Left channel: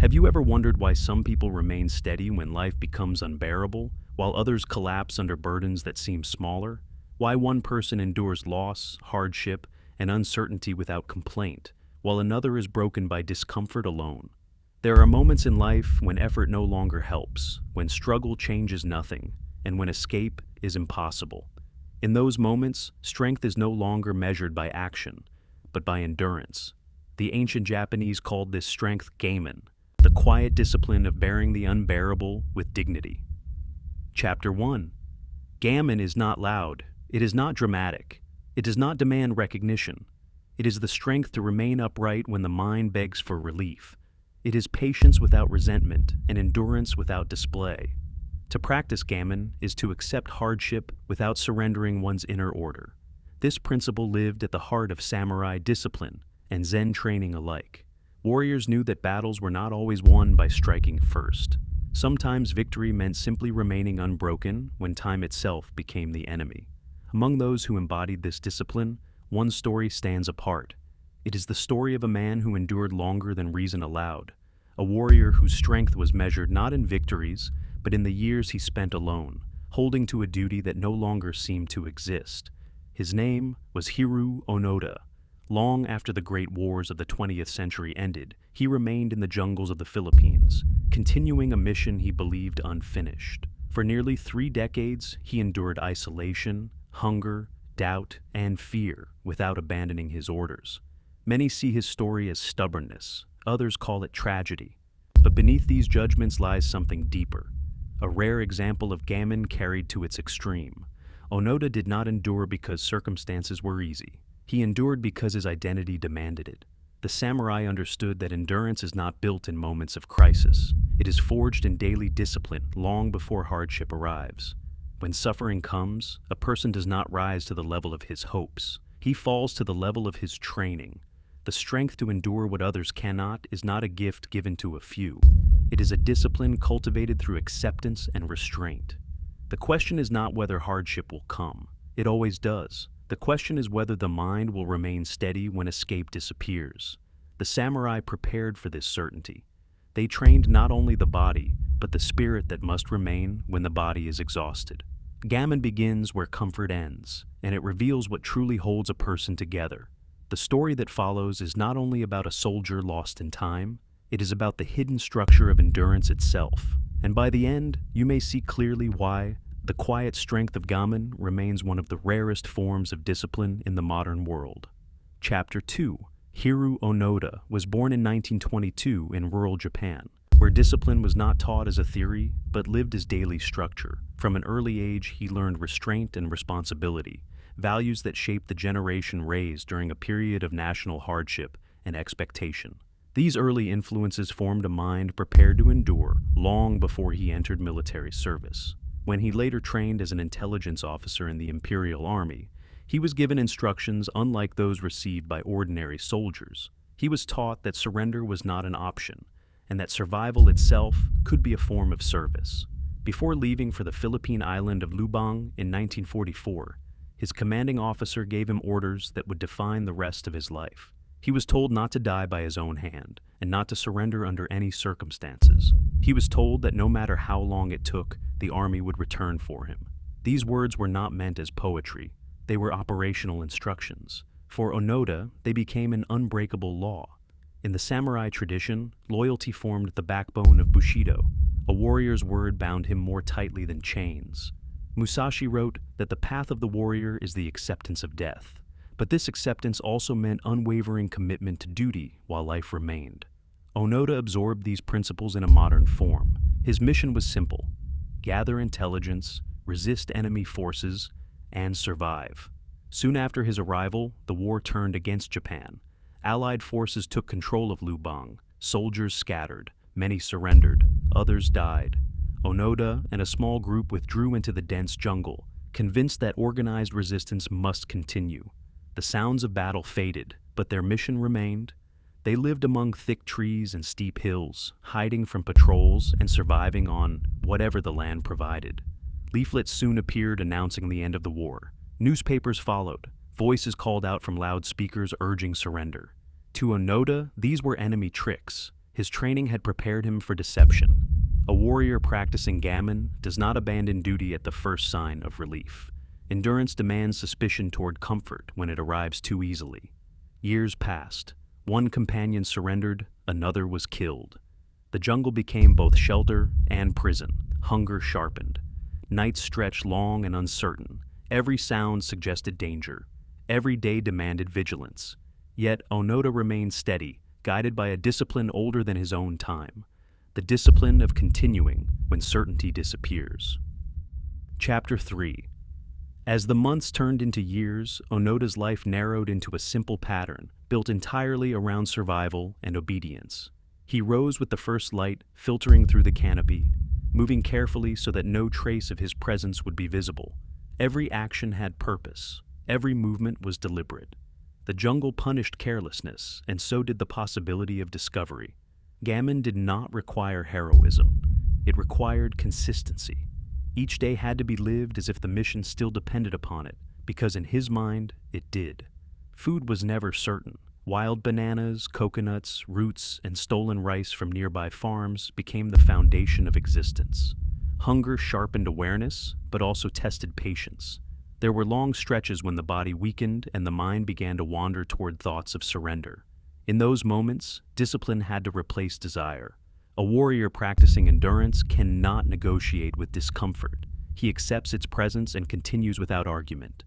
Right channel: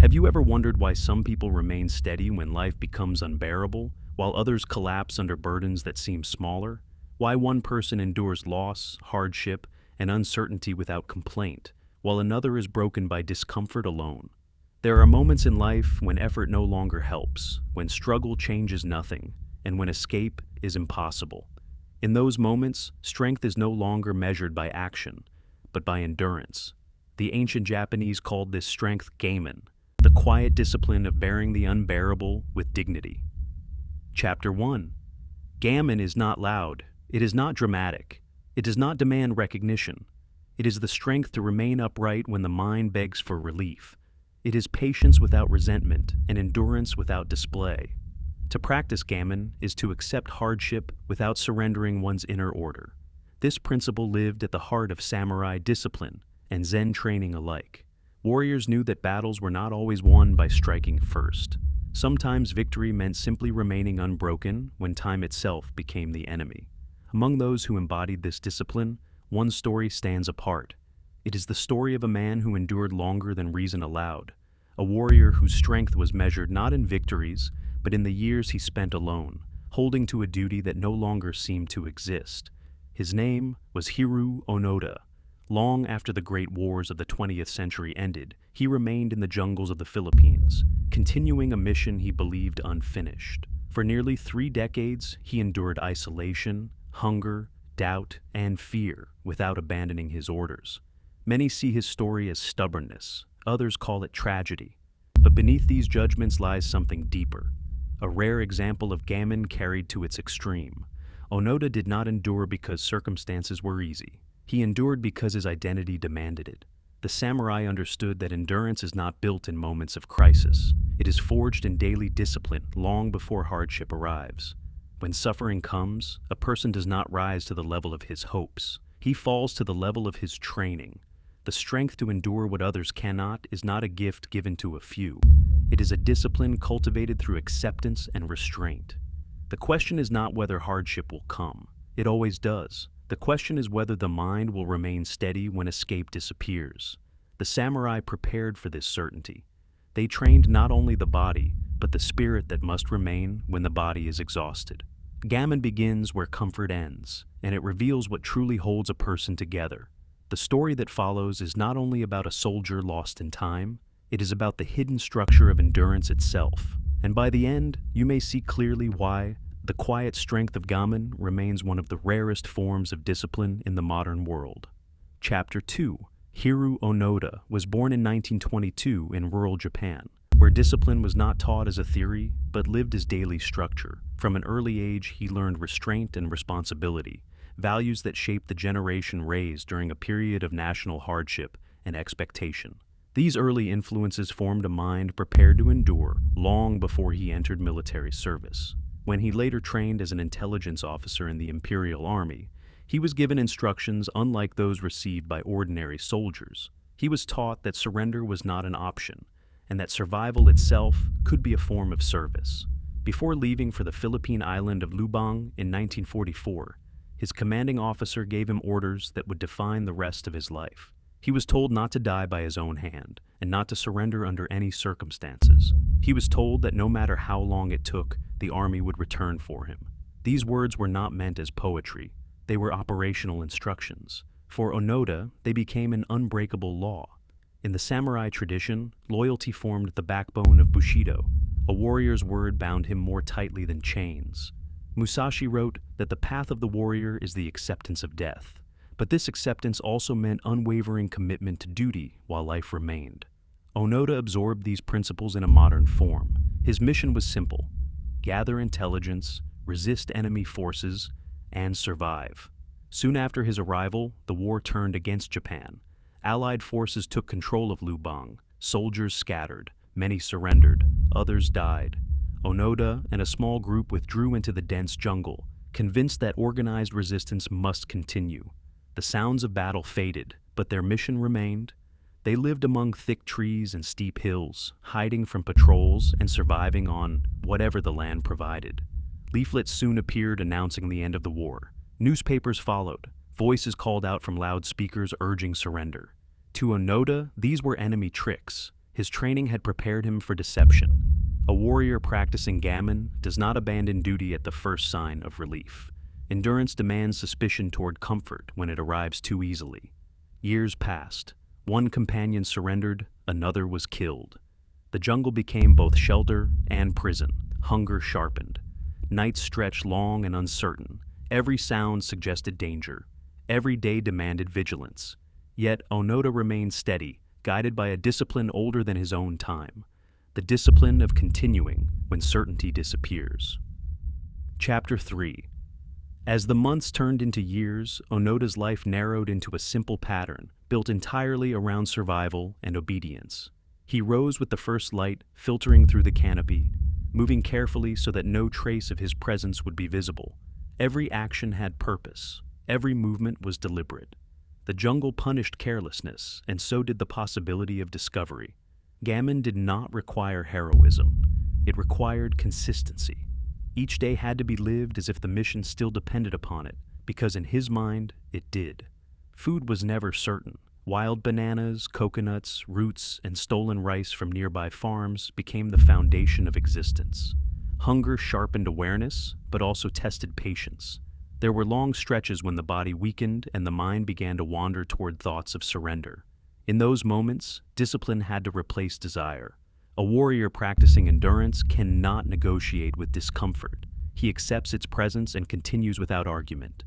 Have you ever wondered why some people remain steady when life becomes unbearable, while others collapse under burdens that seem smaller? Why one person endures loss, hardship, and uncertainty without complaint, while another is broken by discomfort alone? There are moments in life when effort no longer helps, when struggle changes nothing, and when escape is impossible. In those moments, strength is no longer measured by action, but by endurance. The ancient Japanese called this strength Gaman, the quiet discipline of bearing the unbearable with dignity. Chapter 1. Gaman is not loud. It is not dramatic. It does not demand recognition. It is the strength to remain upright when the mind begs for relief. It is patience without resentment and endurance without display. To practice Gaman is to accept hardship without surrendering one's inner order. This principle lived at the heart of samurai discipline and Zen training alike. Warriors knew that battles were not always won by striking first. Sometimes victory meant simply remaining unbroken when time itself became the enemy. Among those who embodied this discipline, one story stands apart. It is the story of a man who endured longer than reason allowed, a warrior whose strength was measured not in victories, but in the years he spent alone, holding to a duty that no longer seemed to exist. His name was Hiroo Onoda. Long after the great wars of the 20th century ended, he remained in the jungles of the Philippines, continuing a mission he believed unfinished. For nearly 3 decades, he endured isolation, hunger, doubt, and fear without abandoning his orders. Many see his story as stubbornness, others call it tragedy. But beneath these judgments lies something deeper, a rare example of Gaman carried to its extreme. Onoda did not endure because circumstances were easy. He endured because his identity demanded it. The samurai understood that endurance is not built in moments of crisis. It is forged in daily discipline long before hardship arrives. When suffering comes, a person does not rise to the level of his hopes. He falls to the level of his training. The strength to endure what others cannot is not a gift given to a few. It is a discipline cultivated through acceptance and restraint. The question is not whether hardship will come. It always does. The question is whether the mind will remain steady when escape disappears. The samurai prepared for this certainty. They trained not only the body, but the spirit that must remain when the body is exhausted. Gaman begins where comfort ends, and it reveals what truly holds a person together. The story that follows is not only about a soldier lost in time, it is about the hidden structure of endurance itself. And by the end, you may see clearly why the quiet strength of Gaman remains one of the rarest forms of discipline in the modern world. Chapter 2. Hiroo Onoda was born in 1922 in rural Japan, where discipline was not taught as a theory, but lived as daily structure. From an early age, he learned restraint and responsibility, values that shaped the generation raised during a period of national hardship and expectation. These early influences formed a mind prepared to endure long before he entered military service. When he later trained as an intelligence officer in the Imperial Army, he was given instructions unlike those received by ordinary soldiers. He was taught that surrender was not an option, and that survival itself could be a form of service. Before leaving for the Philippine island of Lubang in 1944, his commanding officer gave him orders that would define the rest of his life. He was told not to die by his own hand, and not to surrender under any circumstances. He was told that no matter how long it took, the army would return for him. These words were not meant as poetry. They were operational instructions. For Onoda, they became an unbreakable law. In the samurai tradition, loyalty formed the backbone of Bushido. A warrior's word bound him more tightly than chains. Musashi wrote that the path of the warrior is the acceptance of death. But this acceptance also meant unwavering commitment to duty while life remained. Onoda absorbed these principles in a modern form. His mission was simple: gather intelligence, resist enemy forces, and survive. Soon after his arrival, the war turned against Japan. Allied forces took control of Lubang. Soldiers scattered, many surrendered, others died. Onoda and a small group withdrew into the dense jungle, convinced that organized resistance must continue. The sounds of battle faded, but their mission remained. They lived among thick trees and steep hills, hiding from patrols and surviving on whatever the land provided. Leaflets soon appeared announcing the end of the war. Newspapers followed. Voices called out from loudspeakers urging surrender. To Onoda, these were enemy tricks. His training had prepared him for deception. A warrior practicing gammon does not abandon duty at the first sign of relief. Endurance demands suspicion toward comfort when it arrives too easily. Years passed. One companion surrendered, another was killed. The jungle became both shelter and prison. Hunger sharpened. Nights stretched long and uncertain. Every sound suggested danger. Every day demanded vigilance. Yet Onoda remained steady, guided by a discipline older than his own time. The discipline of continuing when certainty disappears. Chapter 3. As the months turned into years, Onoda's life narrowed into a simple pattern, built entirely around survival and obedience. He rose with the first light filtering through the canopy, moving carefully so that no trace of his presence would be visible. Every action had purpose. Every movement was deliberate. The jungle punished carelessness, and so did the possibility of discovery. Gammon did not require heroism. It required consistency. Each day had to be lived as if the mission still depended upon it, because in his mind, it did. Food was never certain. Wild bananas, coconuts, roots, and stolen rice from nearby farms became the foundation of existence. Hunger sharpened awareness, but also tested patience. There were long stretches when the body weakened and the mind began to wander toward thoughts of surrender. In those moments, discipline had to replace desire. A warrior practicing endurance cannot negotiate with discomfort. He accepts its presence and continues without argument.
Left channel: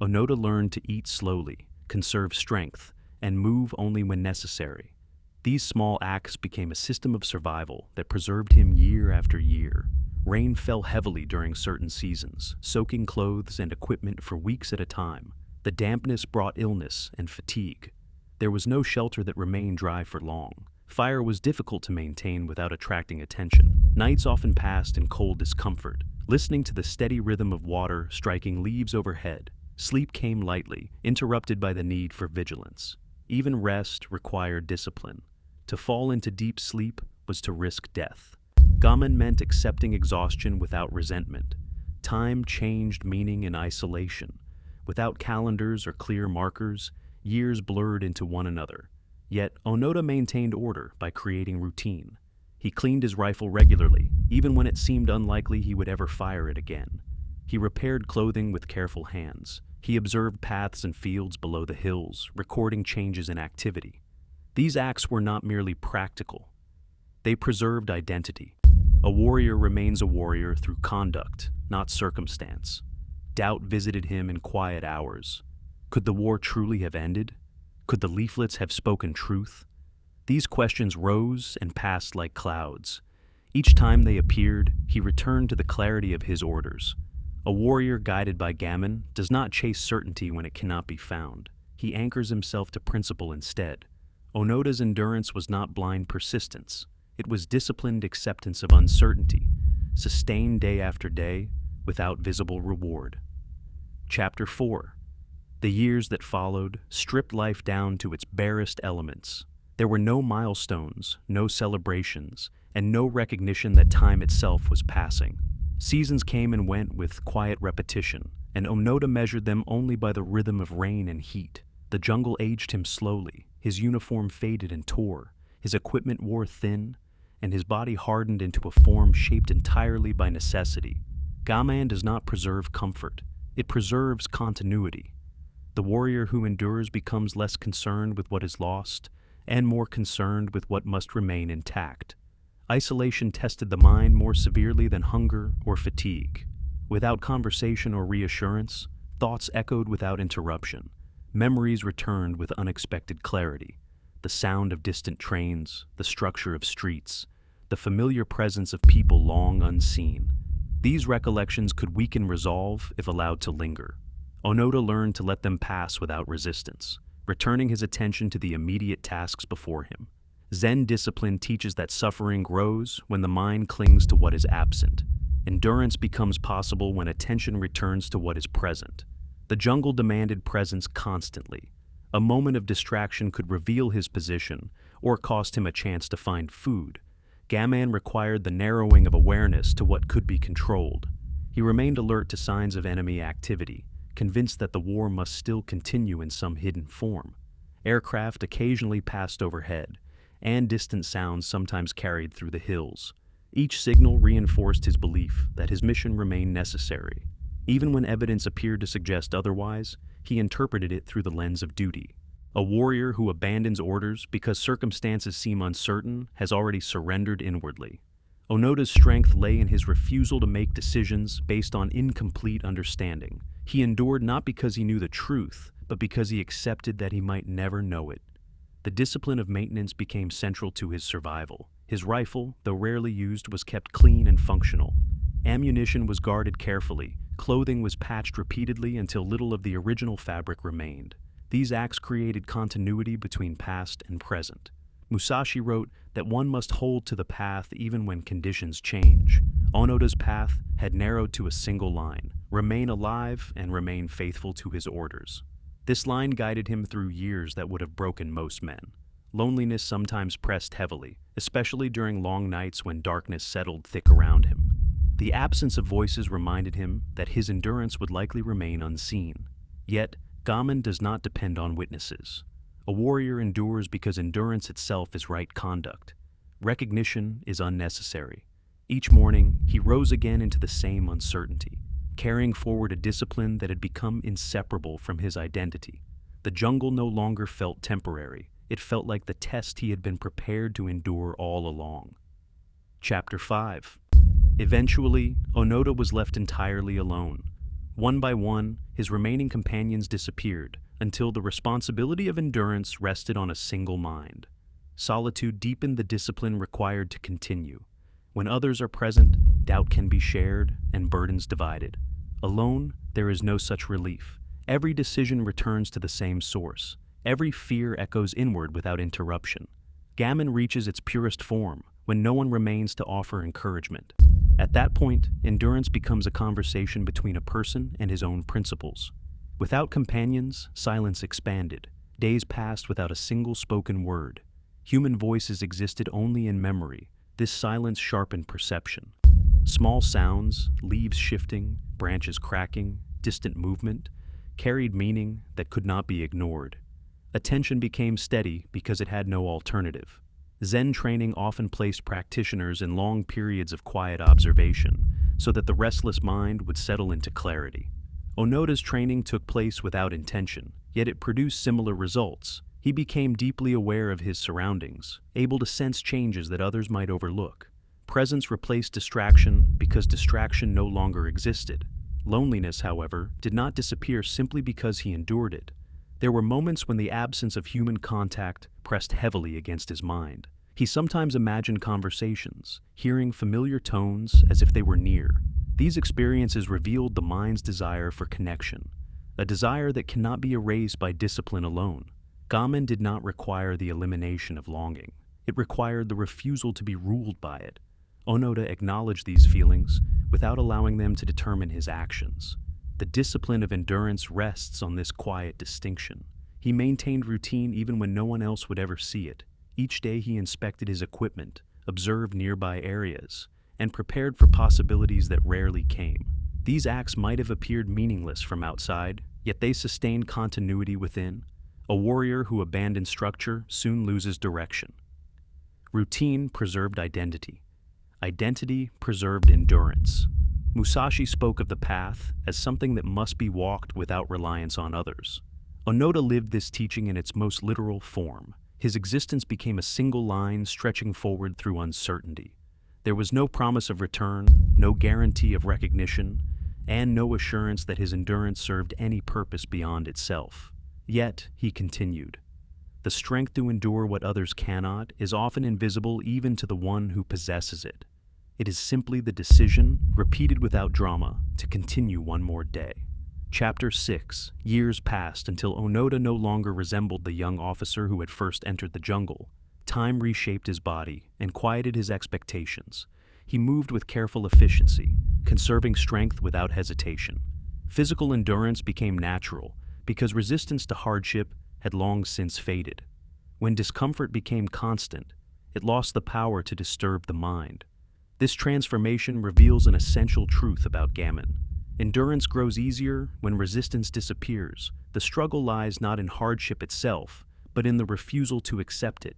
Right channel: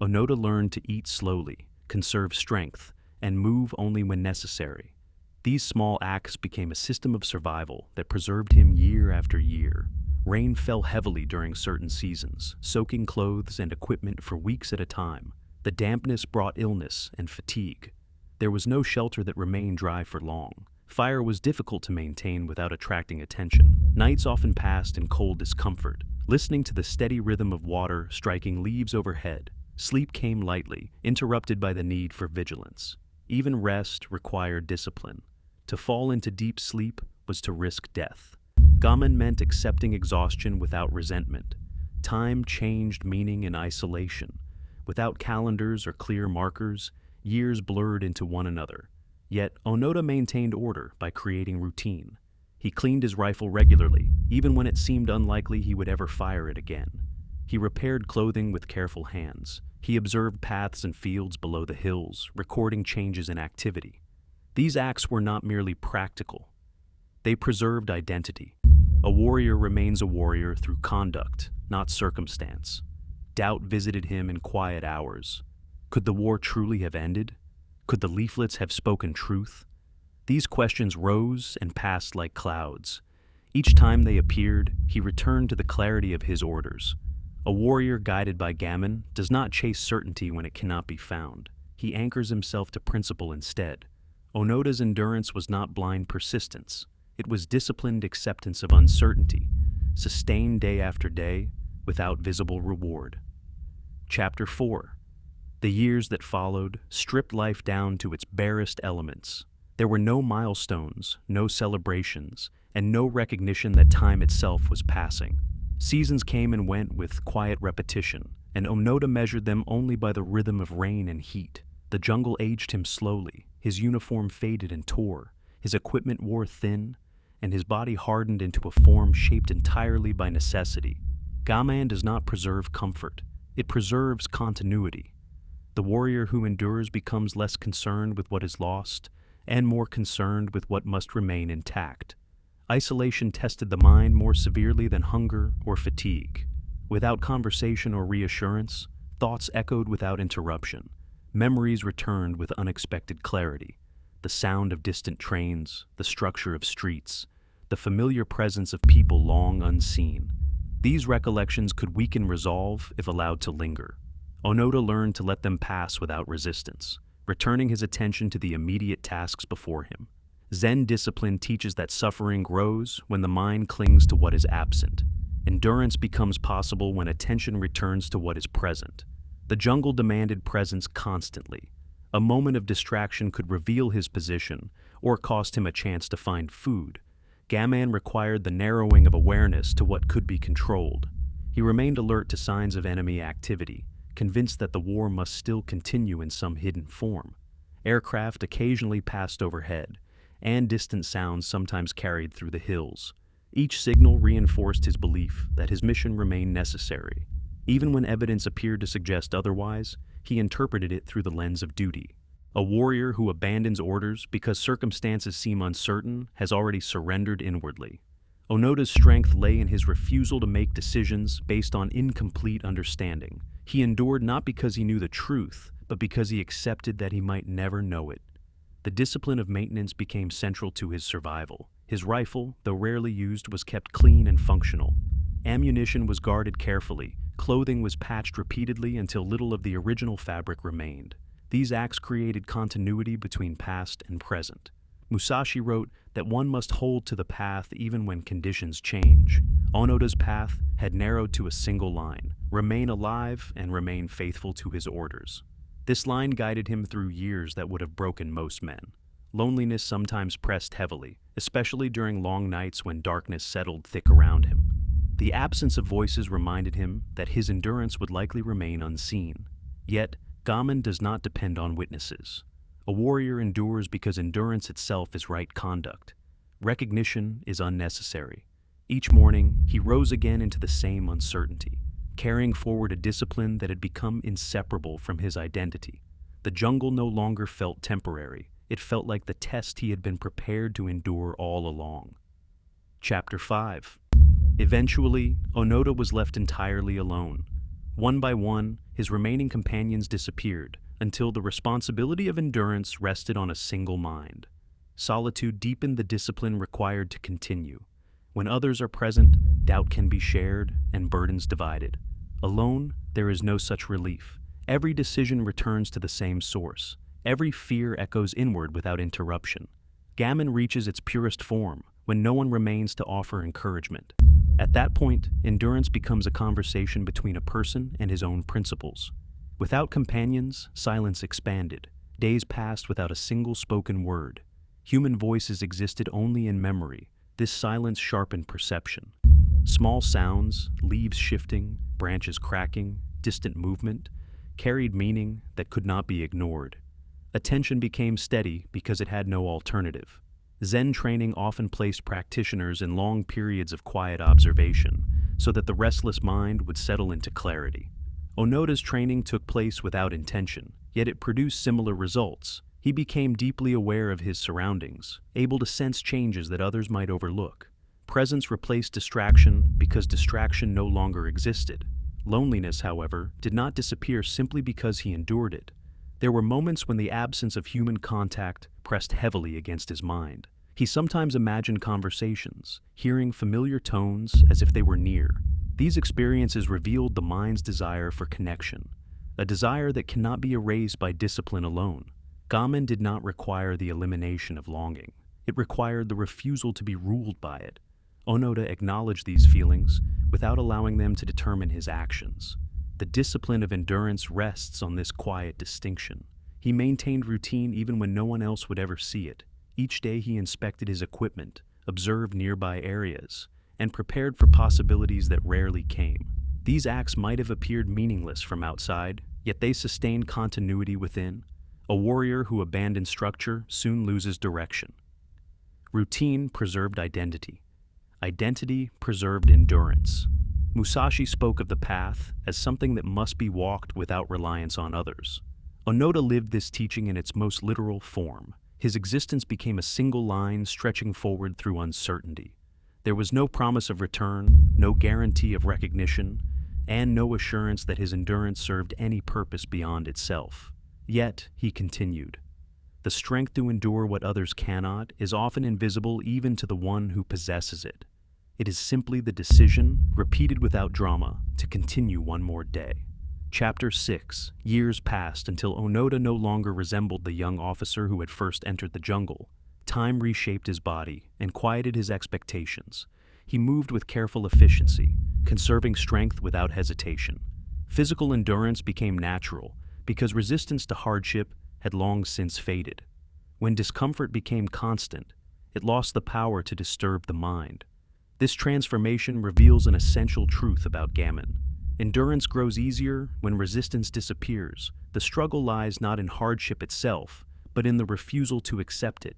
Onoda learned to eat slowly, conserve strength, and move only when necessary. These small acts became a system of survival that preserved him year after year. Rain fell heavily during certain seasons, soaking clothes and equipment for weeks at a time. The dampness brought illness and fatigue. There was no shelter that remained dry for long. Fire was difficult to maintain without attracting attention. Nights often passed in cold discomfort, listening to the steady rhythm of water striking leaves overhead. Sleep came lightly, interrupted by the need for vigilance. Even rest required discipline. To fall into deep sleep was to risk death. Gaman meant accepting exhaustion without resentment. Time changed meaning in isolation. Without calendars or clear markers, years blurred into one another. Yet Onoda maintained order by creating routine. He cleaned his rifle regularly, even when it seemed unlikely he would ever fire it again. He repaired clothing with careful hands. He observed paths and fields below the hills, recording changes in activity. These acts were not merely practical. They preserved identity. A warrior remains a warrior through conduct, not circumstance. Doubt visited him in quiet hours. Could the war truly have ended? Could the leaflets have spoken truth? These questions rose and passed like clouds. Each time they appeared, he returned to the clarity of his orders. A warrior guided by gammon does not chase certainty when it cannot be found. He anchors himself to principle instead. Onoda's endurance was not blind persistence. It was disciplined acceptance of uncertainty, sustained day after day, without visible reward. Chapter 4. The years that followed stripped life down to its barest elements. There were no milestones, no celebrations, and no recognition that time itself was passing. Seasons came and went with quiet repetition, and Onoda measured them only by the rhythm of rain and heat. The jungle aged him slowly. His uniform faded and tore. His equipment wore thin, and his body hardened into a form shaped entirely by necessity. Gaman does not preserve comfort. It preserves continuity. The warrior who endures becomes less concerned with what is lost and more concerned with what must remain intact. Isolation tested the mind more severely than hunger or fatigue. Without conversation or reassurance, thoughts echoed without interruption. Memories returned with unexpected clarity. The sound of distant trains, the structure of streets, the familiar presence of people long unseen. These recollections could weaken resolve if allowed to linger. Onoda learned to let them pass without resistance, returning his attention to the immediate tasks before him. Zen discipline teaches that suffering grows when the mind clings to what is absent. Endurance becomes possible when attention returns to what is present. The jungle demanded presence constantly. A moment of distraction could reveal his position or cost him a chance to find food. Gaman required the narrowing of awareness to what could be controlled. He remained alert to signs of enemy activity, convinced that the war must still continue in some hidden form. Aircraft occasionally passed overhead, and distant sounds sometimes carried through the hills. Each signal reinforced his belief that his mission remained necessary. Even when evidence appeared to suggest otherwise, he interpreted it through the lens of duty. A warrior who abandons orders because circumstances seem uncertain has already surrendered inwardly. Onoda's strength lay in his refusal to make decisions based on incomplete understanding. He endured not because he knew the truth, but because he accepted that he might never know it. The discipline of maintenance became central to his survival. His rifle, though rarely used, was kept clean and functional. Ammunition was guarded carefully. Clothing was patched repeatedly until little of the original fabric remained. These acts created continuity between past and present. Musashi wrote that one must hold to the path even when conditions change. Onoda's path had narrowed to a single line: remain alive and remain faithful to his orders. This line guided him through years that would have broken most men. Loneliness sometimes pressed heavily, especially during long nights when darkness settled thick around him. The absence of voices reminded him that his endurance would likely remain unseen. Yet, Gaman does not depend on witnesses. A warrior endures because endurance itself is right conduct. Recognition is unnecessary. Each morning, he rose again into the same uncertainty, carrying forward a discipline that had become inseparable from his identity. The jungle no longer felt temporary. It felt like the test he had been prepared to endure all along. Chapter 5. Eventually, Onoda was left entirely alone. One by one, his remaining companions disappeared, until the responsibility of endurance rested on a single mind. Solitude deepened the discipline required to continue. When others are present, doubt can be shared and burdens divided. Alone, there is no such relief. Every decision returns to the same source. Every fear echoes inward without interruption. Gaman reaches its purest form when no one remains to offer encouragement. At that point, endurance becomes a conversation between a person and his own principles. Without companions, silence expanded. Days passed without a single spoken word. Human voices existed only in memory. This silence sharpened perception. Small sounds, leaves shifting, branches cracking, distant movement, carried meaning that could not be ignored. Attention became steady because it had no alternative. Zen training often placed practitioners in long periods of quiet observation, so that the restless mind would settle into clarity. Onoda's training took place without intention, yet it produced similar results. He became deeply aware of his surroundings, able to sense changes that others might overlook. Presence replaced distraction because distraction no longer existed. Loneliness, however, did not disappear simply because he endured it. There were moments when the absence of human contact pressed heavily against his mind. He sometimes imagined conversations, hearing familiar tones as if they were near. These experiences revealed the mind's desire for connection, a desire that cannot be erased by discipline alone. Gaman did not require the elimination of longing. It required the refusal to be ruled by it. Onoda acknowledged these feelings without allowing them to determine his actions. The discipline of endurance rests on this quiet distinction. He maintained routine even when no one else would ever see it. Each day he inspected his equipment, observed nearby areas, and prepared for possibilities that rarely came. These acts might have appeared meaningless from outside, yet they sustained continuity within. A warrior who abandons structure soon loses direction. Routine preserved identity. Identity preserved endurance. Musashi spoke of the path as something that must be walked without reliance on others. Onoda lived this teaching in its most literal form. His existence became a single line stretching forward through uncertainty. There was no promise of return, no guarantee of recognition, and no assurance that his endurance served any purpose beyond itself. Yet, he continued. The strength to endure what others cannot is often invisible even to the one who possesses it. It is simply the decision, repeated without drama, to continue one more day. Chapter 6. Years passed until Onoda no longer resembled the young officer who had first entered the jungle. Time reshaped his body and quieted his expectations. He moved with careful efficiency, conserving strength without hesitation. Physical endurance became natural because resistance to hardship had long since faded. When discomfort became constant, it lost the power to disturb the mind. This transformation reveals an essential truth about Gaman. Endurance grows easier when resistance disappears. The struggle lies not in hardship itself, but in the refusal to accept it.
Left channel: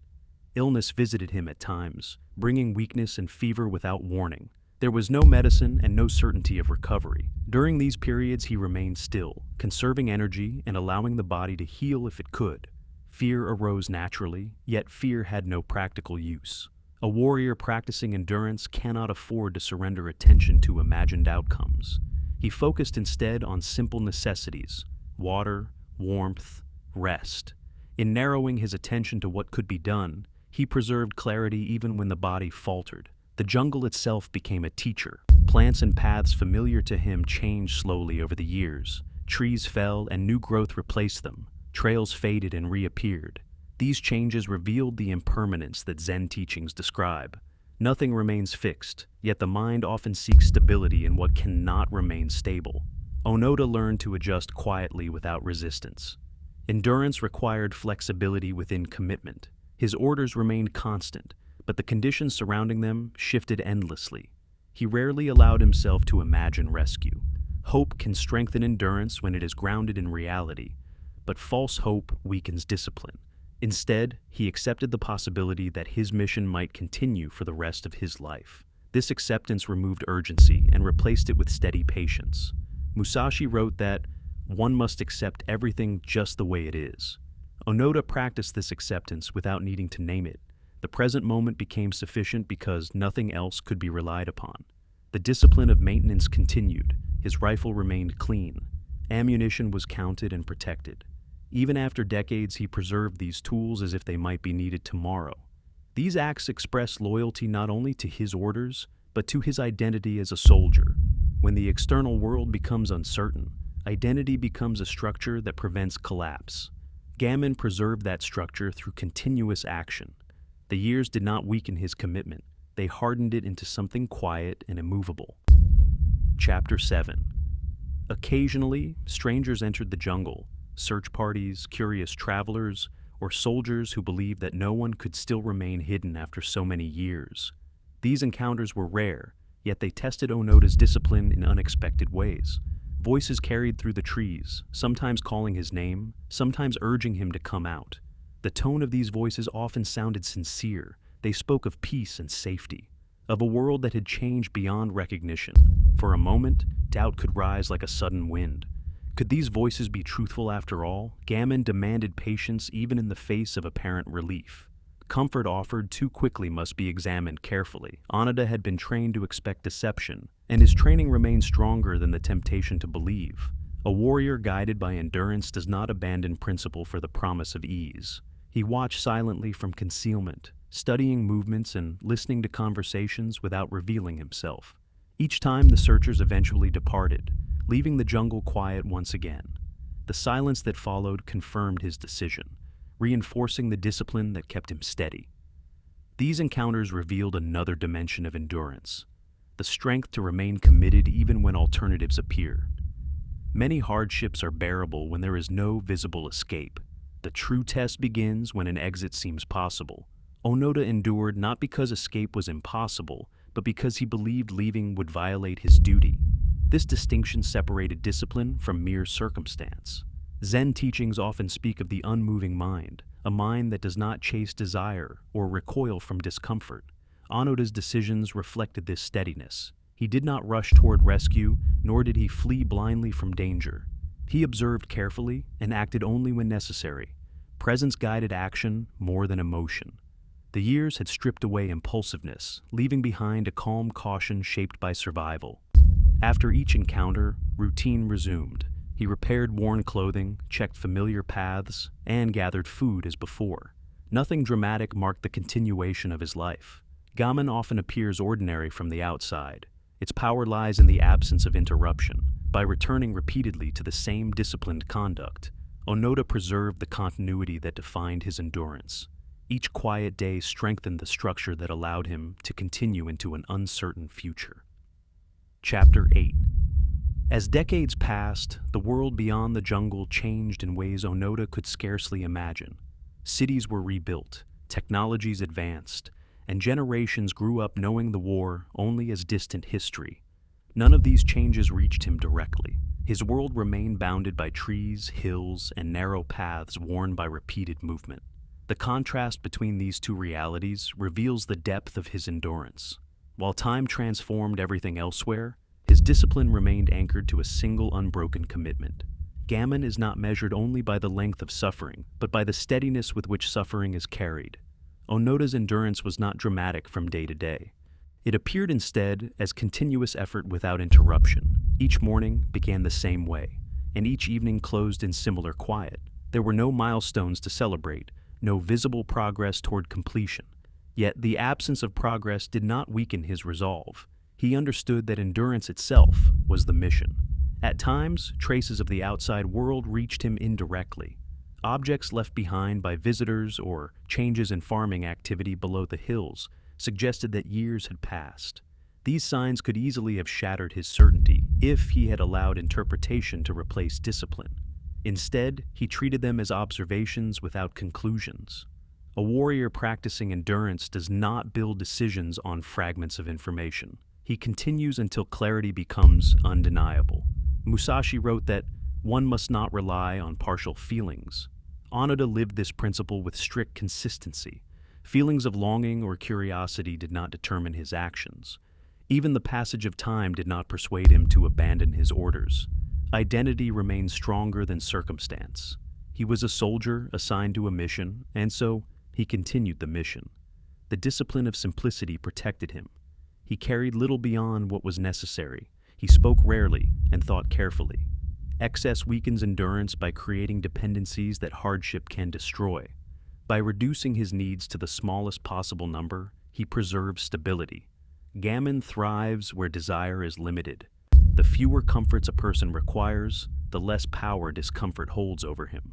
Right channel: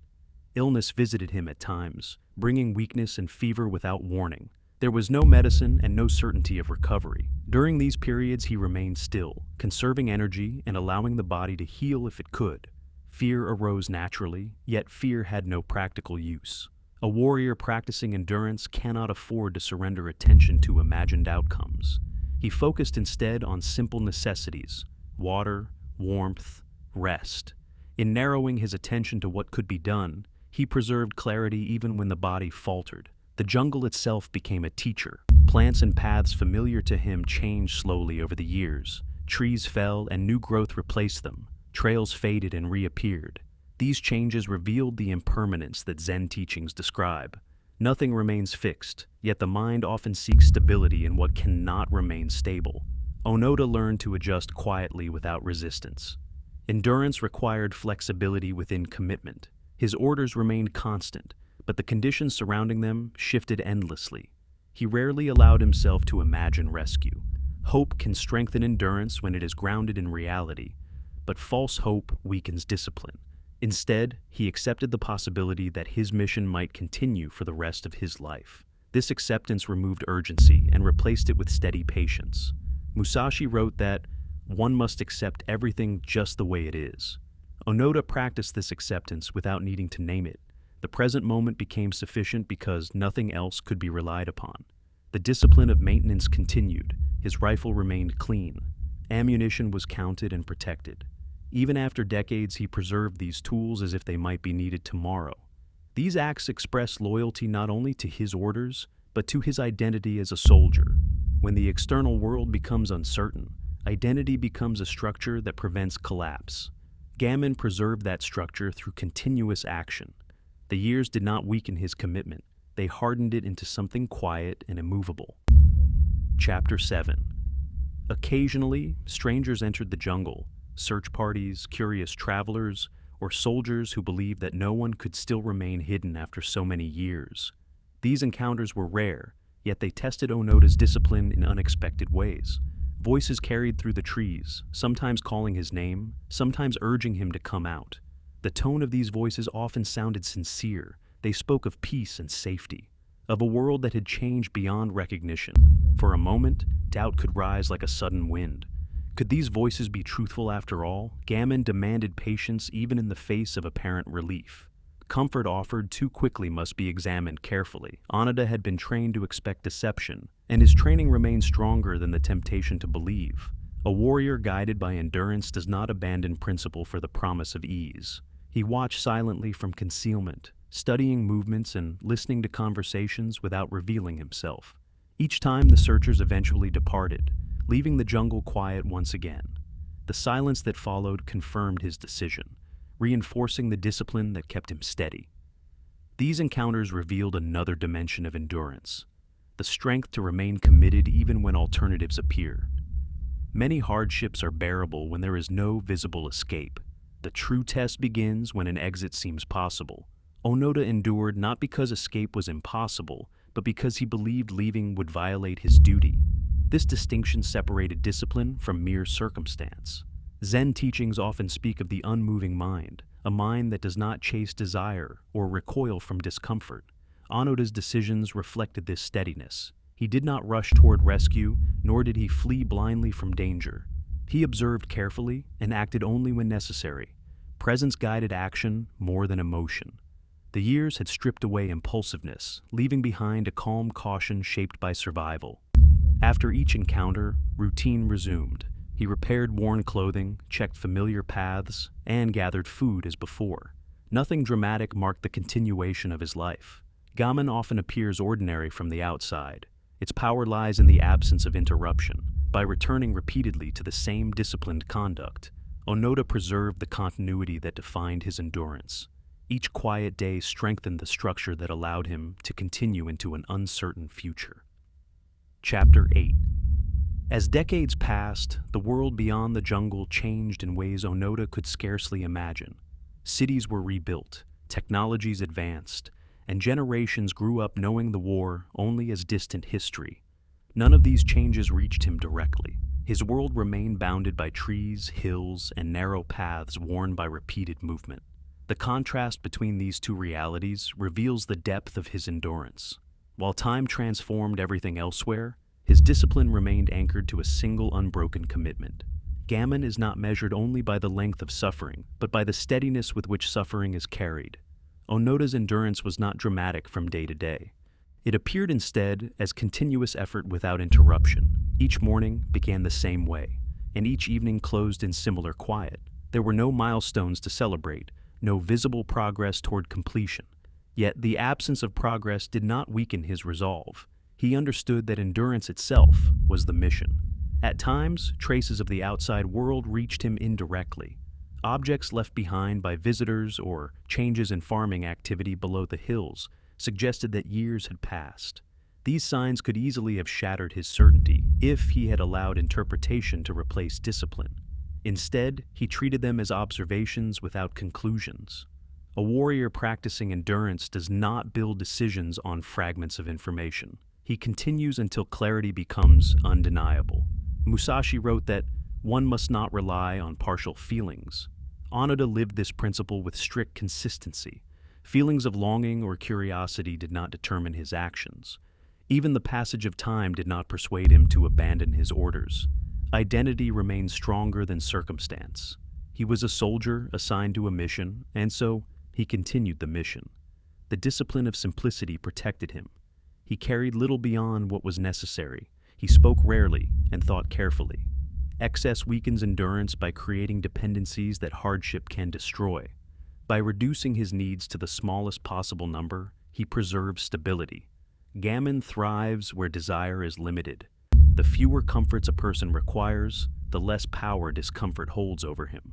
Illness visited him at times, bringing weakness and fever without warning. There was no medicine and no certainty of recovery. During these periods, he remained still, conserving energy and allowing the body to heal if it could. Fear arose naturally, yet fear had no practical use. A warrior practicing endurance cannot afford to surrender attention to imagined outcomes. He focused instead on simple necessities: water, warmth, rest. In narrowing his attention to what could be done, he preserved clarity even when the body faltered. The jungle itself became a teacher. Plants and paths familiar to him changed slowly over the years. Trees fell and new growth replaced them. Trails faded and reappeared. These changes revealed the impermanence that Zen teachings describe. Nothing remains fixed, yet the mind often seeks stability in what cannot remain stable. Onoda learned to adjust quietly without resistance. Endurance required flexibility within commitment. His orders remained constant, but the conditions surrounding them shifted endlessly. He rarely allowed himself to imagine rescue. Hope can strengthen endurance when it is grounded in reality, but false hope weakens discipline. Instead, he accepted the possibility that his mission might continue for the rest of his life. This acceptance removed urgency and replaced it with steady patience. Musashi wrote that one must accept everything just the way it is. Onoda practiced this acceptance without needing to name it. The present moment became sufficient because nothing else could be relied upon. The discipline of maintenance continued. His rifle remained clean. Ammunition was counted and protected. Even after decades, he preserved these tools as if they might be needed tomorrow. These acts express loyalty not only to his orders, but to his identity as a soldier. When the external world becomes uncertain, identity becomes a structure that prevents collapse. Gaman preserved that structure through continuous action. The years did not weaken his commitment. They hardened it into something quiet and immovable. Chapter 7. Occasionally, strangers entered the jungle. Search parties, curious travelers, or soldiers who believed that no one could still remain hidden after so many years. These encounters were rare, yet they tested Onoda's discipline in unexpected ways. Voices carried through the trees, sometimes calling his name, sometimes urging him to come out. The tone of these voices often sounded sincere. They spoke of peace and safety, of a world that had changed beyond recognition. For a moment, doubt could rise like a sudden wind. Could these voices be truthful after all? Gaman demanded patience even in the face of apparent relief. Comfort offered too quickly must be examined carefully. Onoda had been trained to expect deception, and his training remained stronger than the temptation to believe. A warrior guided by endurance does not abandon principle for the promise of ease. He watched silently from concealment, studying movements and listening to conversations without revealing himself. Each time the searchers eventually departed, leaving the jungle quiet once again. The silence that followed confirmed his decision, reinforcing the discipline that kept him steady. These encounters revealed another dimension of endurance, the strength to remain committed even when alternatives appear. Many hardships are bearable when there is no visible escape. The true test begins when an exit seems possible. Onoda endured not because escape was impossible, but because he believed leaving would violate his duty. This distinction separated discipline from mere circumstance. Zen teachings often speak of the unmoving mind, a mind that does not chase desire or recoil from discomfort. Onoda's decisions reflected this steadiness. He did not rush toward rescue, nor did he flee blindly from danger. He observed carefully and acted only when necessary. Presence guided action more than emotion. The years had stripped away impulsiveness, leaving behind a calm caution shaped by survival. After each encounter, routine resumed. He repaired worn clothing, checked familiar paths, and gathered food as before. Nothing dramatic marked the continuation of his life. Gaman often appears ordinary from the outside. Its power lies in the absence of interruption. By returning repeatedly to the same disciplined conduct, Onoda preserved the continuity that defined his endurance. Each quiet day strengthened the structure that allowed him to continue into an uncertain future. Chapter 8. As decades passed, the world beyond the jungle changed in ways Onoda could scarcely imagine. Cities were rebuilt, technologies advanced, and generations grew up knowing the war only as distant history. None of these changes reached him directly. His world remained bounded by trees, hills, and narrow paths worn by repeated movement. The contrast between these two realities reveals the depth of his endurance. While time transformed everything elsewhere, his discipline remained anchored to a single unbroken commitment. Gaman is not measured only by the length of suffering, but by the steadiness with which suffering is carried. Onoda's endurance was not dramatic from day to day. It appeared instead as continuous effort without interruption. Each morning began the same way, and each evening closed in similar quiet. There were no milestones to celebrate, no visible progress toward completion. Yet the absence of progress did not weaken his resolve. He understood that endurance itself was the mission. At times, traces of the outside world reached him indirectly. Objects left behind by visitors or changes in farming activity below the hills suggested that years had passed. These signs could easily have shattered his certainty if he had allowed interpretation to replace discipline. Instead, he treated them as observations without conclusions. A warrior practicing endurance does not build decisions on fragments of information. He continues until clarity becomes undeniable. Musashi wrote that one must not rely on partial feelings. Onoda lived this principle with strict consistency. Feelings of longing or curiosity did not determine his actions. Even the passage of time did not persuade him to abandon his orders. Identity remained stronger than circumstance. He was a soldier assigned to a mission, and so he continued the mission. The discipline of simplicity protected him. He carried little beyond what was necessary. He spoke rarely and thought carefully. Excess weakens endurance by creating dependencies that hardship can destroy. By reducing his needs to the smallest possible number, he preserves stability. Gaman thrives where desire is limited. The fewer comforts a person requires, the less power discomfort holds over him.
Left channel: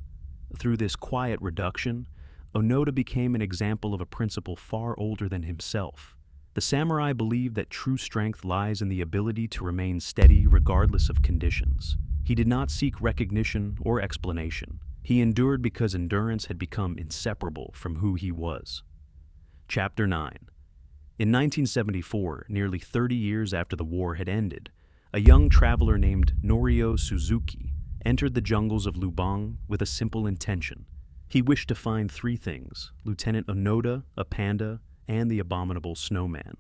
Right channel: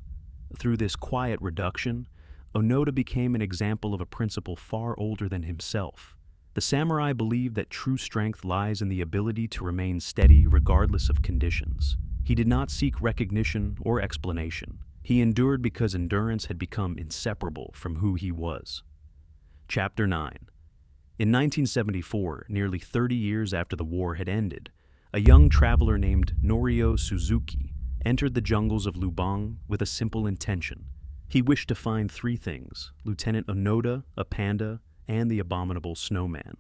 Through this quiet reduction, Onoda became an example of a principle far older than himself. The samurai believed that true strength lies in the ability to remain steady regardless of conditions. He did not seek recognition or explanation. He endured because endurance had become inseparable from who he was. Chapter 9. In 1974, nearly 30 years after the war had ended, a young traveler named Norio Suzuki entered the jungles of Lubang with a simple intention. He wished to find three things: Lieutenant Onoda, a panda, and the abominable snowman.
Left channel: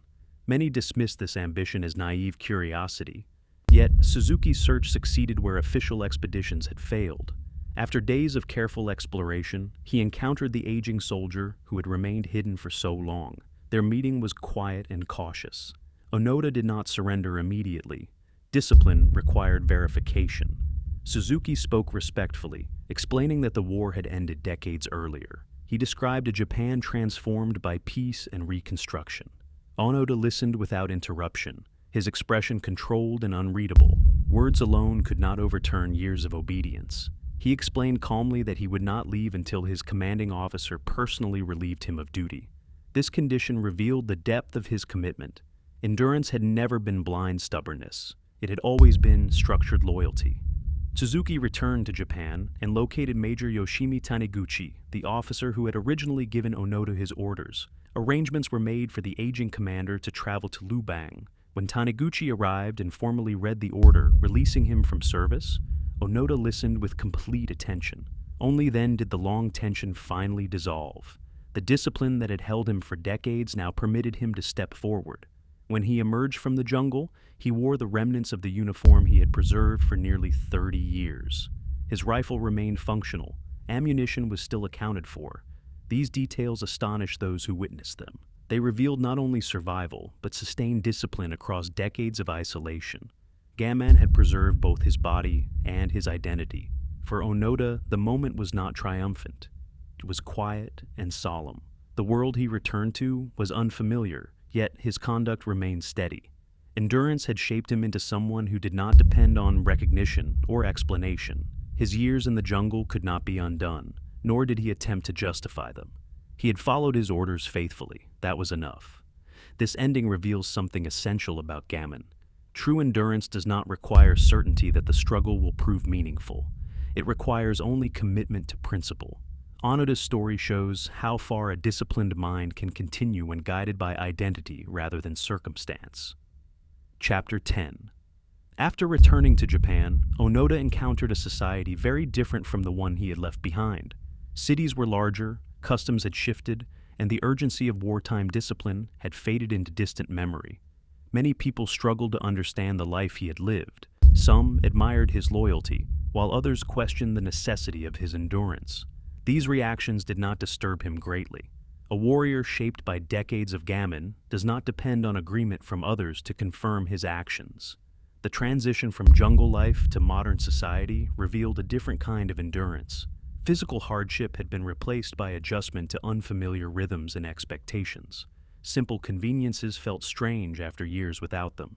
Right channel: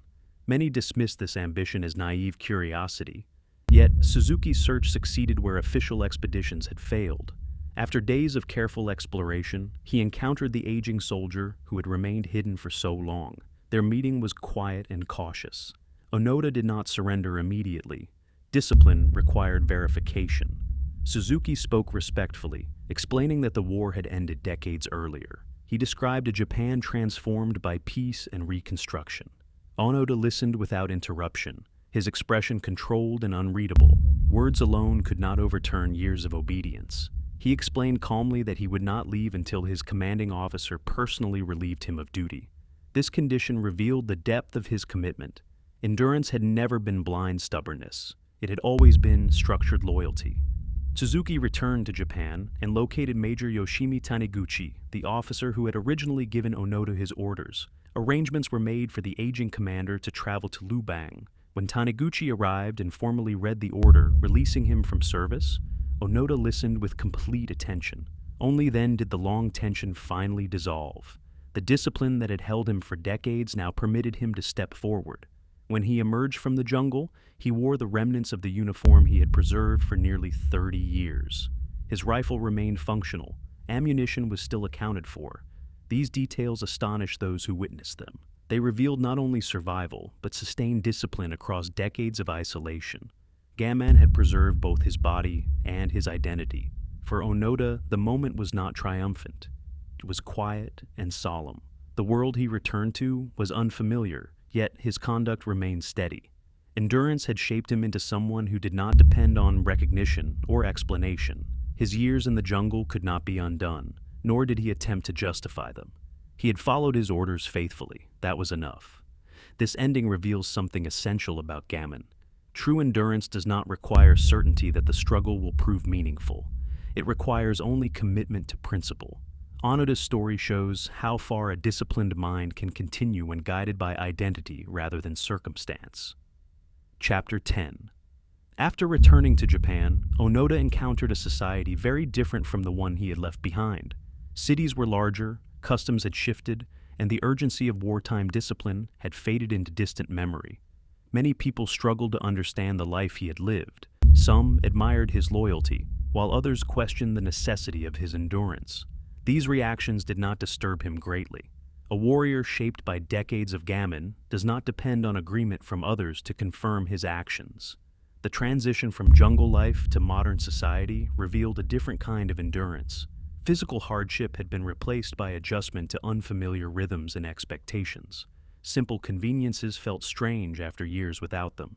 Many dismissed this ambition as naive curiosity. Yet, Suzuki's search succeeded where official expeditions had failed. After days of careful exploration, he encountered the aging soldier who had remained hidden for so long. Their meeting was quiet and cautious. Onoda did not surrender immediately. Discipline required verification. Suzuki spoke respectfully, explaining that the war had ended decades earlier. He described a Japan transformed by peace and reconstruction. Onoda listened without interruption, his expression controlled and unreadable. Words alone could not overturn years of obedience. He explained calmly that he would not leave until his commanding officer personally relieved him of duty. This condition revealed the depth of his commitment. Endurance had never been blind stubbornness. It had always been structured loyalty. Suzuki returned to Japan and located Major Yoshimi Taniguchi, the officer who had originally given Onoda his orders. Arrangements were made for the aging commander to travel to Lubang. When Taniguchi arrived and formally read the order, releasing him from service, Onoda listened with complete attention. Only then did the long tension finally dissolve. The discipline that had held him for decades now permitted him to step forward. When he emerged from the jungle, he wore the remnants of the uniform he had preserved for nearly 30 years. His rifle remained functional. Ammunition was still accounted for. These details astonished those who witnessed them. They revealed not only survival, but sustained discipline across decades of isolation. Gaman had preserved both his body and his identity. For Onoda, the moment was not triumphant. It was quiet and solemn. The world he returned to was unfamiliar, yet his conduct remained steady. Endurance had shaped him into someone who did not depend on recognition or explanation. His years in the jungle could not be undone, nor did he attempt to justify them. He had followed his orders faithfully. That was enough. This ending reveals something essential about Gaman. True endurance does not require certainty that the struggle will prove meaningful. It requires only commitment to principle. Onoda's story shows how far a disciplined mind can continue when guided by identity rather than circumstance. Chapter 10. After returning to Japan, Onoda encountered a society very different from the one he had left behind. Cities were larger, customs had shifted, and the urgency of wartime discipline had faded into distant memory. Many people struggled to understand the life he had lived. Some admired his loyalty, while others questioned the necessity of his endurance. These reactions did not disturb him greatly. A warrior shaped by decades of gammon does not depend on agreement from others to confirm his actions. The transition from jungle life to modern society revealed a different kind of endurance. Physical hardship had been replaced by adjustment to unfamiliar rhythms and expectations. Simple conveniences felt strange after years without them.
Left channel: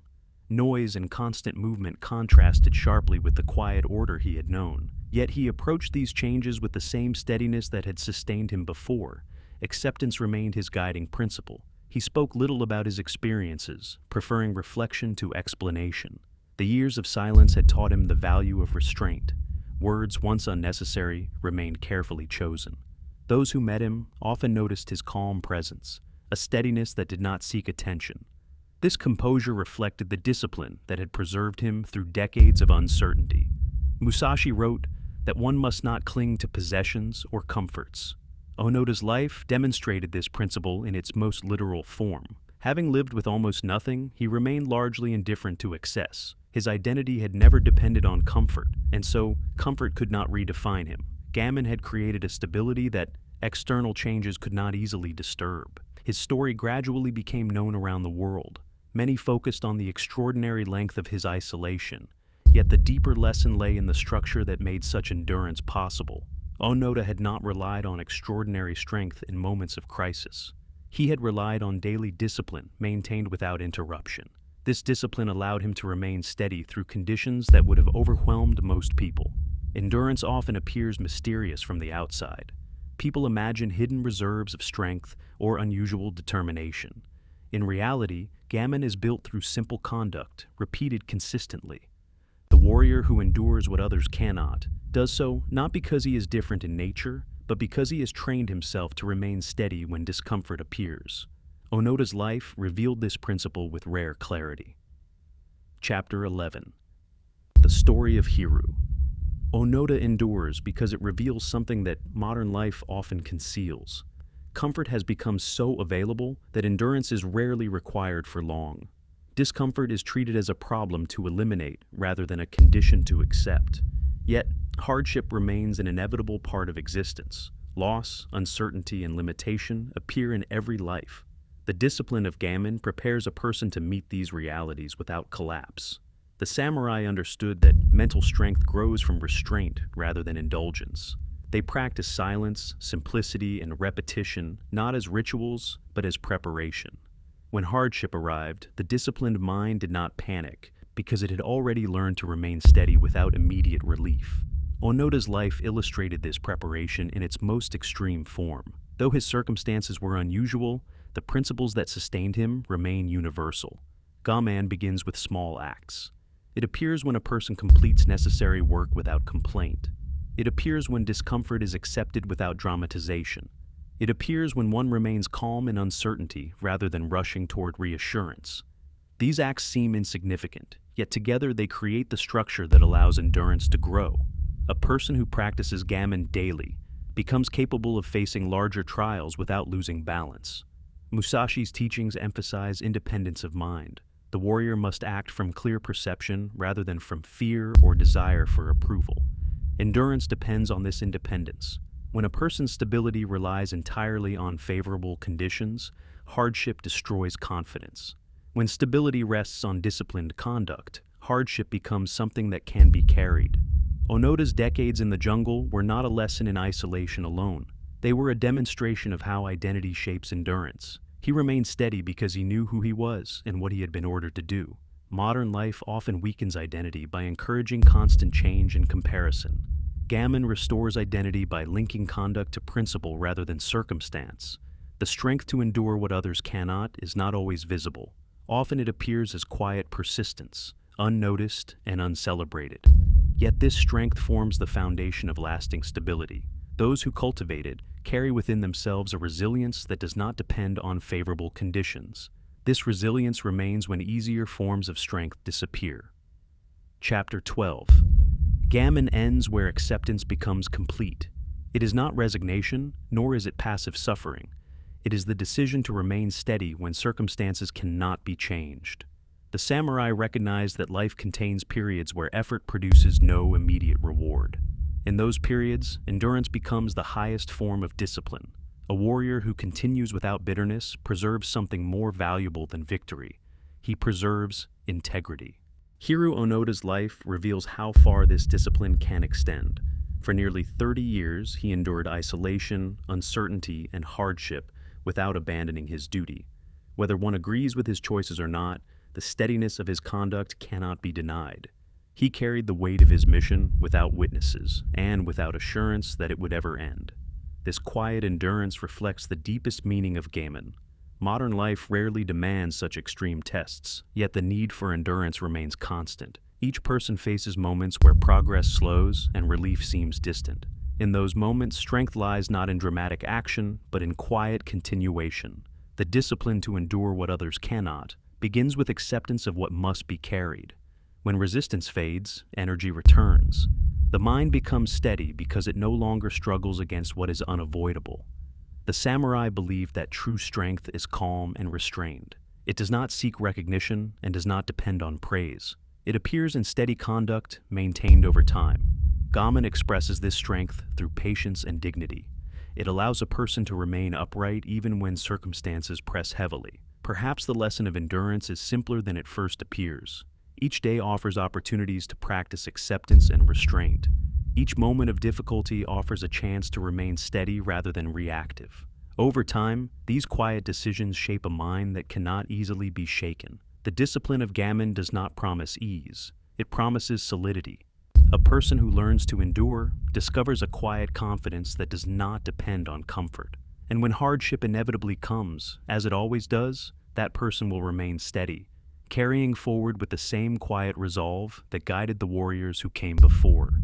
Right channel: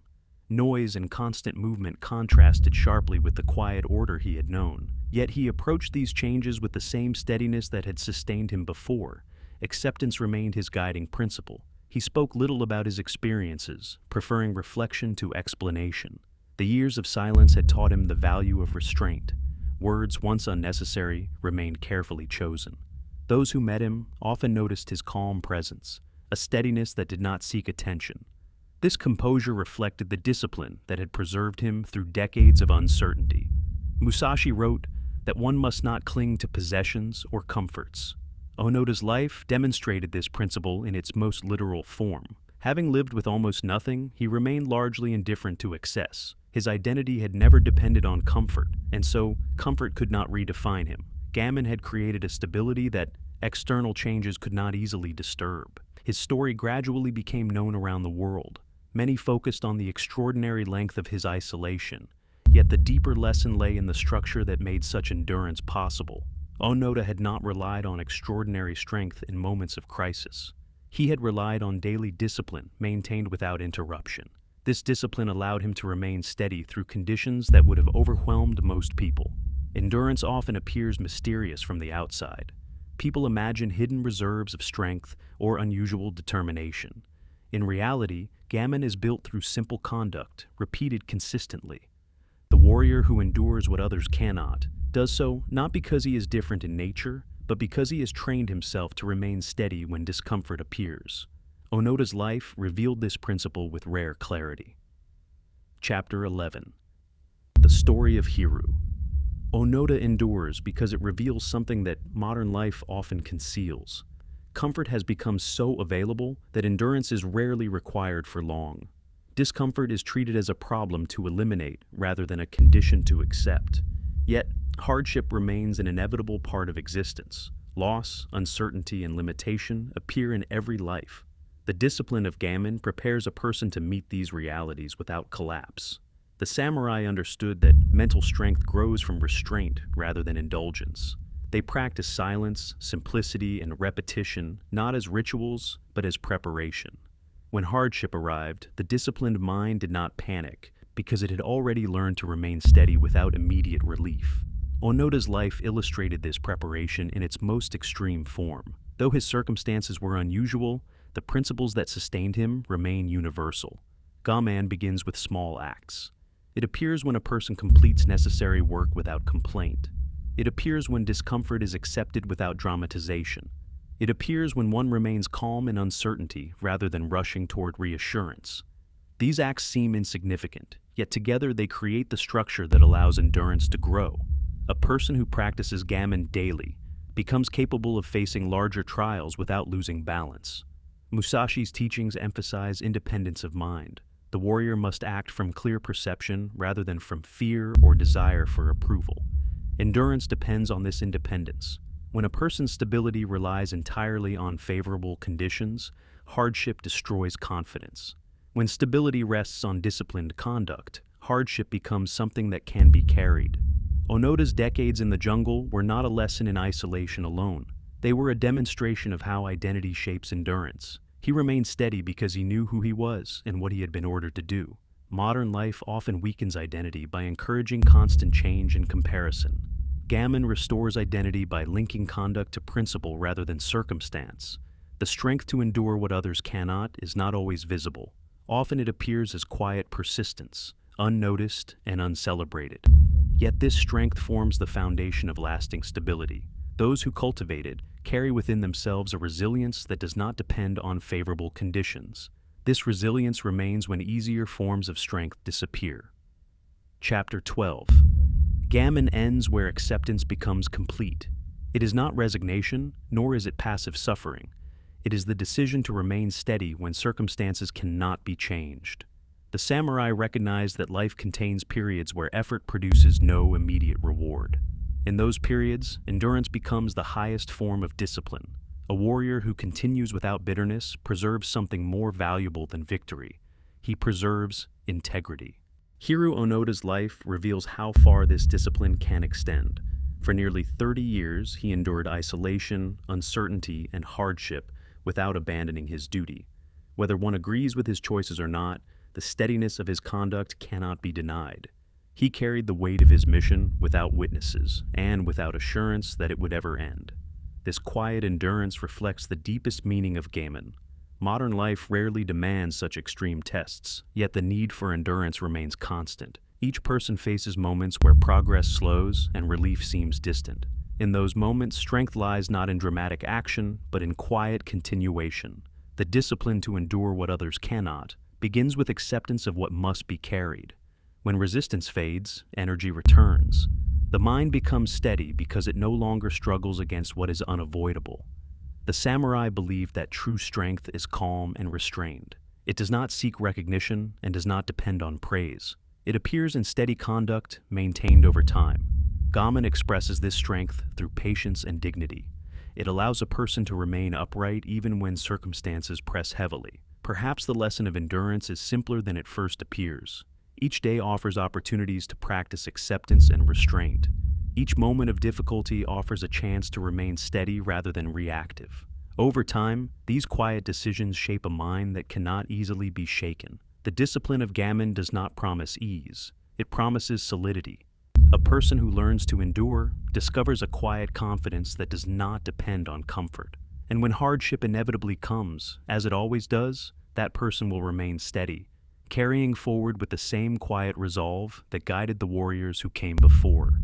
Noise and constant movement contrasted sharply with the quiet order he had known. Yet he approached these changes with the same steadiness that had sustained him before. Acceptance remained his guiding principle. He spoke little about his experiences, preferring reflection to explanation. The years of silence had taught him the value of restraint. Words once unnecessary remained carefully chosen. Those who met him often noticed his calm presence, a steadiness that did not seek attention. This composure reflected the discipline that had preserved him through decades of uncertainty. Musashi wrote that one must not cling to possessions or comforts. Onoda's life demonstrated this principle in its most literal form. Having lived with almost nothing, he remained largely indifferent to excess. His identity had never depended on comfort, and so comfort could not redefine him. Gammon had created a stability that external changes could not easily disturb. His story gradually became known around the world. Many focused on the extraordinary length of his isolation, yet the deeper lesson lay in the structure that made such endurance possible. Onoda had not relied on extraordinary strength in moments of crisis. He had relied on daily discipline maintained without interruption. This discipline allowed him to remain steady through conditions that would have overwhelmed most people. Endurance often appears mysterious from the outside. People imagine hidden reserves of strength or unusual determination. In reality, gammon is built through simple conduct, repeated consistently. The warrior who endures what others cannot does so not because he is different in nature, but because he has trained himself to remain steady when discomfort appears. Onoda's life revealed this principle with rare clarity. Chapter 11. The Story of Hiru. Onoda endures because it reveals something that modern life often conceals. Comfort has become so available that endurance is rarely required for long. Discomfort is treated as a problem to eliminate rather than a condition to accept. Yet, hardship remains an inevitable part of existence. Loss, uncertainty, and limitation appear in every life. The discipline of gammon prepares a person to meet these realities without collapse. The samurai understood that mental strength grows from restraint rather than indulgence. They practiced silence, simplicity, and repetition not as rituals, but as preparation. When hardship arrived, the disciplined mind did not panic because it had already learned to remain steady without immediate relief. Onoda's life illustrated this preparation in its most extreme form. Though his circumstances were unusual, the principles that sustained him remain universal. Gaman begins with small acts. It appears when a person completes necessary work without complaint. It appears when discomfort is accepted without dramatization. It appears when one remains calm in uncertainty rather than rushing toward reassurance. These acts seem insignificant, yet together they create the structure that allows endurance to grow. A person who practices gammon daily becomes capable of facing larger trials without losing balance. Musashi's teachings emphasize independence of mind. The warrior must act from clear perception rather than from fear or desire for approval. Endurance depends on this independence. When a person's stability relies entirely on favorable conditions, hardship destroys confidence. When stability rests on disciplined conduct, hardship becomes something that can be carried. Onoda's decades in the jungle were not a lesson in isolation alone. They were a demonstration of how identity shapes endurance. He remained steady because he knew who he was and what he had been ordered to do. Modern life often weakens identity by encouraging constant change and comparison. Gammon restores identity by linking conduct to principle rather than circumstance. The strength to endure what others cannot is not always visible. Often it appears as quiet persistence, unnoticed and uncelebrated. Yet this strength forms the foundation of lasting stability. Those who cultivate it carry within themselves a resilience that does not depend on favorable conditions. This resilience remains when easier forms of strength disappear. Chapter 12. Gammon ends where acceptance becomes complete. It is not resignation, nor is it passive suffering. It is the decision to remain steady when circumstances cannot be changed. The samurai recognized that life contains periods where effort produces no immediate reward. In those periods, endurance becomes the highest form of discipline. A warrior who continues without bitterness preserves something more valuable than victory. He preserves integrity. Hiro Onoda's life reveals how far this discipline can extend. For nearly 30 years, he endured isolation, uncertainty, and hardship without abandoning his duty. Whether one agrees with his choices or not, the steadiness of his conduct cannot be denied. He carried the weight of his mission without witnesses and without assurance that it would ever end. This quiet endurance reflects the deepest meaning of Gaman. Modern life rarely demands such extreme tests, yet the need for endurance remains constant. Each person faces moments where progress slows and relief seems distant. In those moments, strength lies not in dramatic action, but in quiet continuation. The discipline to endure what others cannot begins with acceptance of what must be carried. When resistance fades, energy returns. The mind becomes steady because it no longer struggles against what is unavoidable. The samurai believed that true strength is calm and restrained. It does not seek recognition and does not depend on praise. It appears in steady conduct, maintained over time. Gaman expresses this strength through patience and dignity. It allows a person to remain upright even when circumstances press heavily. Perhaps the lesson of endurance is simpler than it first appears. Each day offers opportunities to practice acceptance and restraint. Each moment of difficulty offers a chance to remain steady rather than reactive. Over time, these quiet decisions shape a mind that cannot easily be shaken. The discipline of Gaman does not promise ease. It promises solidity. A person who learns to endure discovers a quiet confidence that does not depend on comfort. And when hardship inevitably comes, as it always does, that person will remain steady, carrying forward with the same quiet resolve that guided the warriors who came before.